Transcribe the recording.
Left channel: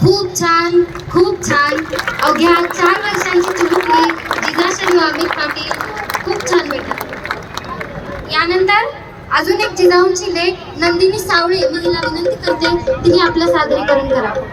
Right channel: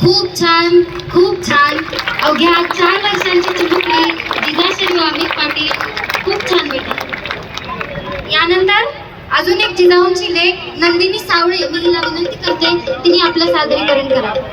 खूप छान, खूप छान. अवघ्या 4 वर्षांची चिमुकली जिजाश्री अमित पाटील खूप छान बेटा. यानंतर अजून एक जिजाऊंची लेक नंदिनी सावळे, मी हिला विनंती करते तिने आपलं सादरीकरण करावं.